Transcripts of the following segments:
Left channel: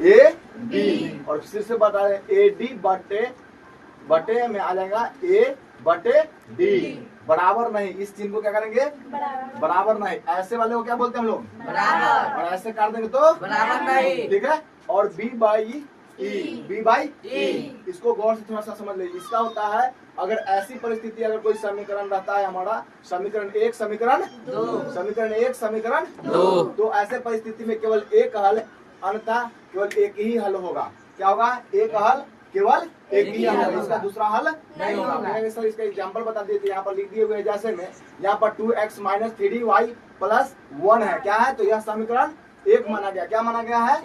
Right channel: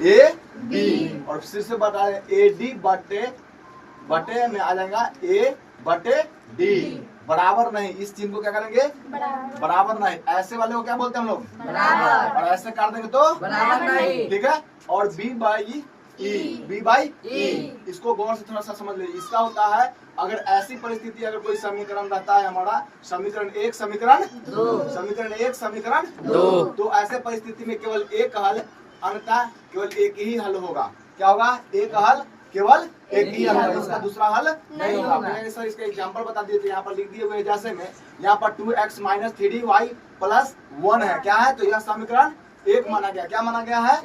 A B, और फिर से बता रहे ए डी बटे में आ जाएगा ए बटे डी, बराबर नहीं। इस चिन्ह को क्या करेंगे? बराबर नहीं। ऐसे वाले को क्या बोलते हैं हम लोग? बराबर। और ऐसे काट देंगे तो बराबर नहीं। ठीक है। और बी बाई ई, इसको गौर से थोड़ा सा समझ लीजिए। इसका होता है अगर ऐसी परिस्थिति, अगर कोई समीकरण रहता है हमारा, समीकरण 1 समीकरण 2, समीकरण 1 समीकरण 2, तो ऐसे परिस्थिति में केवल एक हल, अंततः केवल एक ही हल होगा। क्या होगा? एक हल, केवल एक ही हल होगा, इसका दूसरा हल नहीं होगा। सर इसका एग्जांपल बता दिए, तो यहाँ पर लिख दिए हुए हैं जैसे में यहाँ पर 2x माइनस 3y प्लस 1 है। क्या है? तो यह समीकरण 1 माना गया। क्या माना गया है?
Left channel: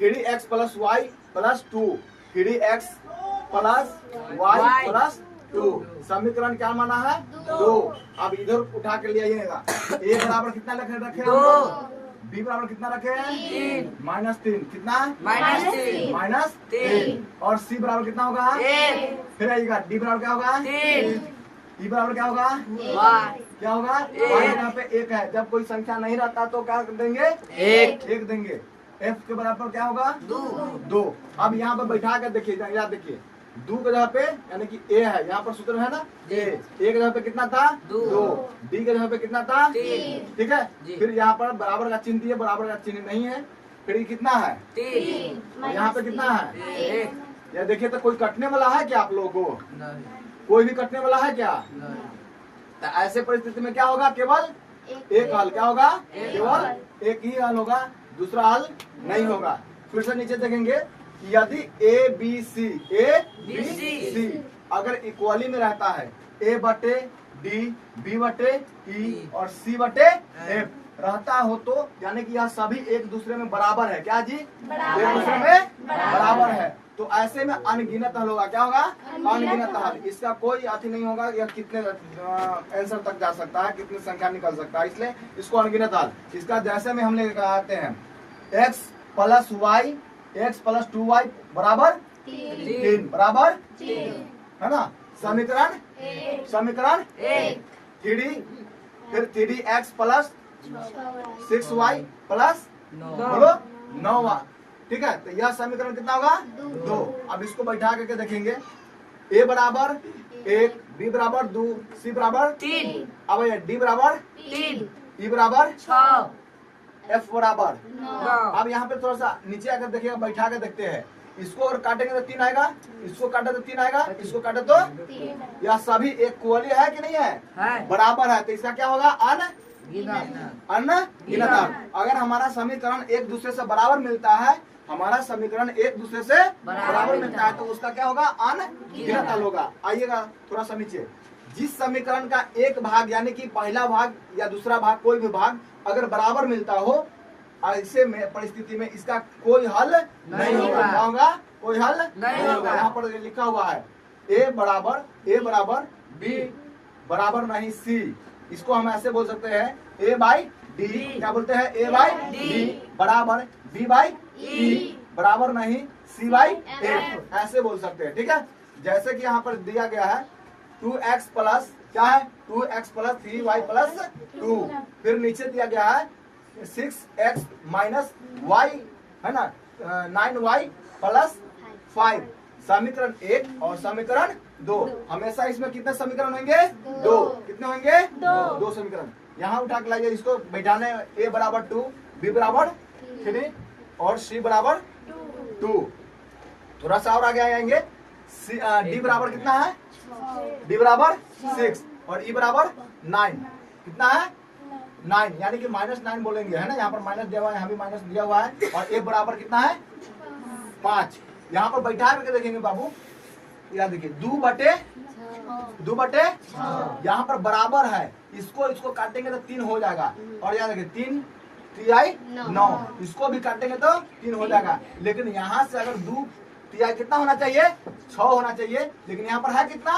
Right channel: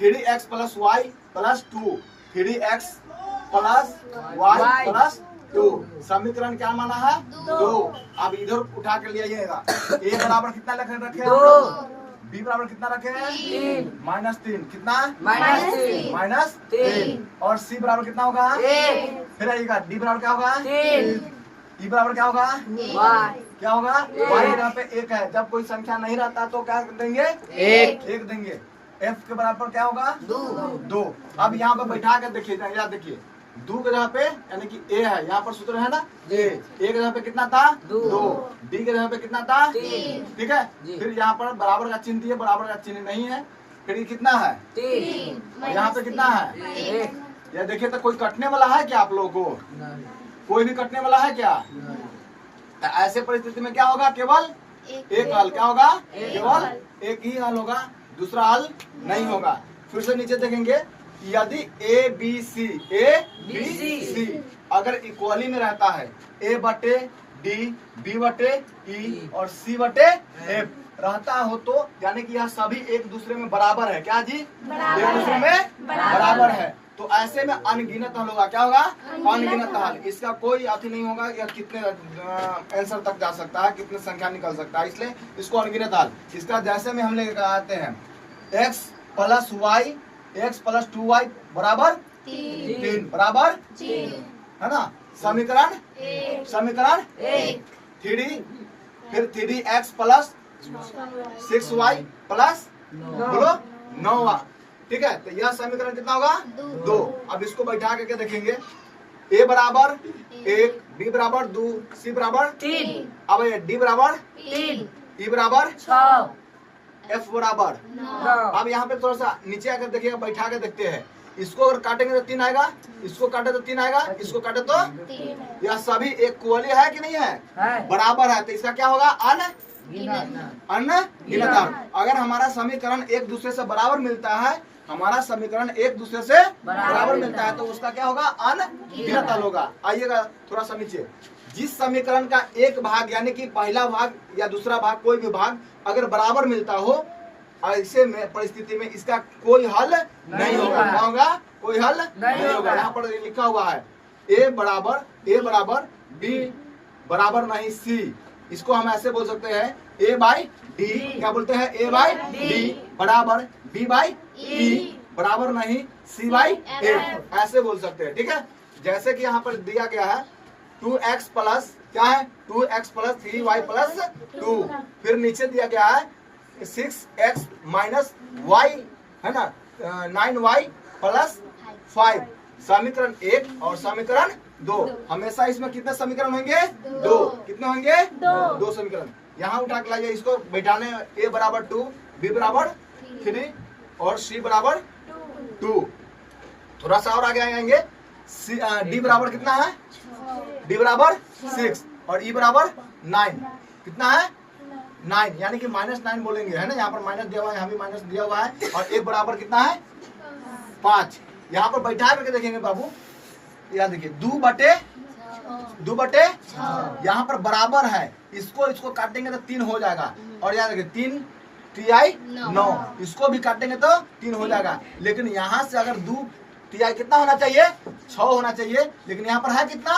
3x plus y plus 2, 3x plus y plus 2, समीकरण क्या माना है? 2। अब इधर उठा के ले आइएगा। a बराबर कितना रखे? 2। b बराबर कितना रखे? 3। -3 कितना? -3। और c बराबर कितना होगा? 1। फिर आइएगा d बराबर क्या होगा? 3। e बराबर क्या होगा? क्या होगा? y यहाँ पे 1 है। जब कोई संख्या नहीं रहता तो क्या देंगे? 1 देंगे। f के बराबर क्या होगा? 2। अब यहाँ पे बैठा कर देखिए, याद देखिए, 2 के जगह पे यानी कि a है, यहाँ पर सूत्र है ना a के जगह पे कितना था? 2। d के जगह पे कितना था? 3। ठीक है। फिर यहाँ पर बराबर का चिन्ह दिए, बराबर का चिन्ह नहीं है, फिर ये कितना है? 3। और यहाँ पे कितना है? 1। यह देखिए, तो कोई कटने वाला है क्या आप लोगों को? कोई भी कटने वाला है क्या? ऐसे परिस्थिति में क्या होगा? केवल एक हल। क्या होगा? केवल एक ही हल होगा, दूसरा हल नहीं होगा। फिर से नीचे देखेंगे, यदि ए बी सी अगर इक्वली में रहता है, ए बटे डी, बी बटे ई और सी बटे एफ रहता हो, तो यानी कि यह सभी एक दूसरे में बराबर है। क्या जी? एक दूसरे में बराबर है। तो ऐसे में अनगिनत हल होगा। क्या होगा? अनगिनत हल। इसका कोई अति नहीं होगा, यह कितने आंसर तक जा सकता है, कितने संख्या निकल सकता है, इसलिए इसको अनगिनत हल। इसका जैसे में हम लेकर आते हैं x plus y, x plus 2y बराबर 3 बराबर है ना, समीकरण 1। 3 फिर 3x प्लस 6y प्लस बोलो 9y। ठीक है। तो यह समीकरण कितना होगा? 2। अब इसको बैठा करके देखेंगे, a बराबर 1, b बराबर 2, c बराबर 3, अब d बराबर 3, e बराबर 6, f बराबर 9। अब यहाँ पे थोड़ा सा नीचे आकर देखिए, बैठा के देखते हैं। इसको अगर काटेंगे तो 3 आएगा, इसको काटे तो 3 आएगा, इसको काटे तो 3। यह सभी एक इक्वली है कि नहीं है? बराबर है। तो इसका क्या होगा? अनगिनत। अगर हमारा समीकरण एक दूसरे से बराबर मिलता है, हमारा समीकरण एक दूसरे से बराबर मिलता है, तो उसका क्या होगा? अनगिनत हल होगा। आइएगा थोड़ा सा नीचे, जिस समीकरण का एक भाग यानी कि पहला भाग या दूसरा भाग, कोई भी भाग अगर बराबर मिलता हो, ऐसे में परिस्थिति में इसका कोई हल नहीं होगा। क्या होगा? कोई हल नहीं होगा। यहाँ पर लिखा हुआ है a बराबर b बराबर नहीं c। इसको हम ऐसे बोल सकते हैं a बाई d। क्या बोलते हैं? a बाई d बराबर b बाई e बराबर नहीं c बाई a, ऐसे बोल सकते हैं। ठीक है। जैसे कि यहाँ पर दिया गया है 2x प्लस क्या है? 2x plus 3y plus 2। फिर नीचे दिया गया है 6x माइनस y है ना, 9y प्लस 5। समीकरण 1 और समीकरण 2। हमेशा इसमें कितने समीकरण होंगे? 2। कितने होंगे? 2 समीकरण। यहाँ उठा के लाइए, इसको बैठाने, a बराबर 2, b बराबर 3 और c बराबर 2। थोड़ा सा और आगे आएंगे, d बराबर कितना है? d बराबर 6 और e बराबर 9। कितना है? 9, यानी कि -9 बोलेंगे, है ना। यहाँ पर माइनस दिया हुआ है, यहाँ भी माइनस दिया हुआ है। और एक बराबर कितना है? 5। यहाँ पर बैठा करके देखेंगे बाबू, याद देखिए 2 बटे यहाँ पर बराबर है, इसको काटेंगे तो 3 हो जाएगा। और याद देखिए 3 तिहाई 9, इसको भी काटेंगे तो 3 हो जाएगा। लेकिन यहाँ से अगर 2 तिहाई कितना होना चाहिए? 6 होना चाहिए, लेकिन यहाँ पर है कितना?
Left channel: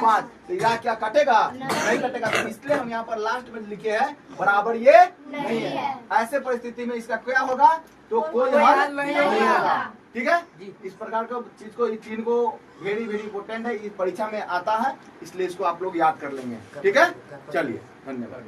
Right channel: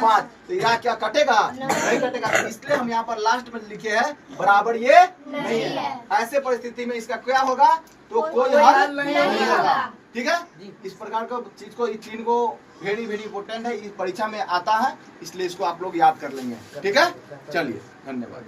5। तो यह क्या कटेगा? नहीं कटेगा। तो इसलिए हम यहाँ पर लास्ट में लिखे हैं बराबर ये नहीं है। ऐसे परिस्थिति में इसका क्या होगा? तो कोई हल नहीं होगा। ठीक है। इस प्रकार का चीज को, इस चीज को वेरी इंपोर्टेंट है, इस परीक्षा में आता है, इसलिए इसको आप लोग याद कर लेंगे। ठीक है। चलिए, धन्यवाद।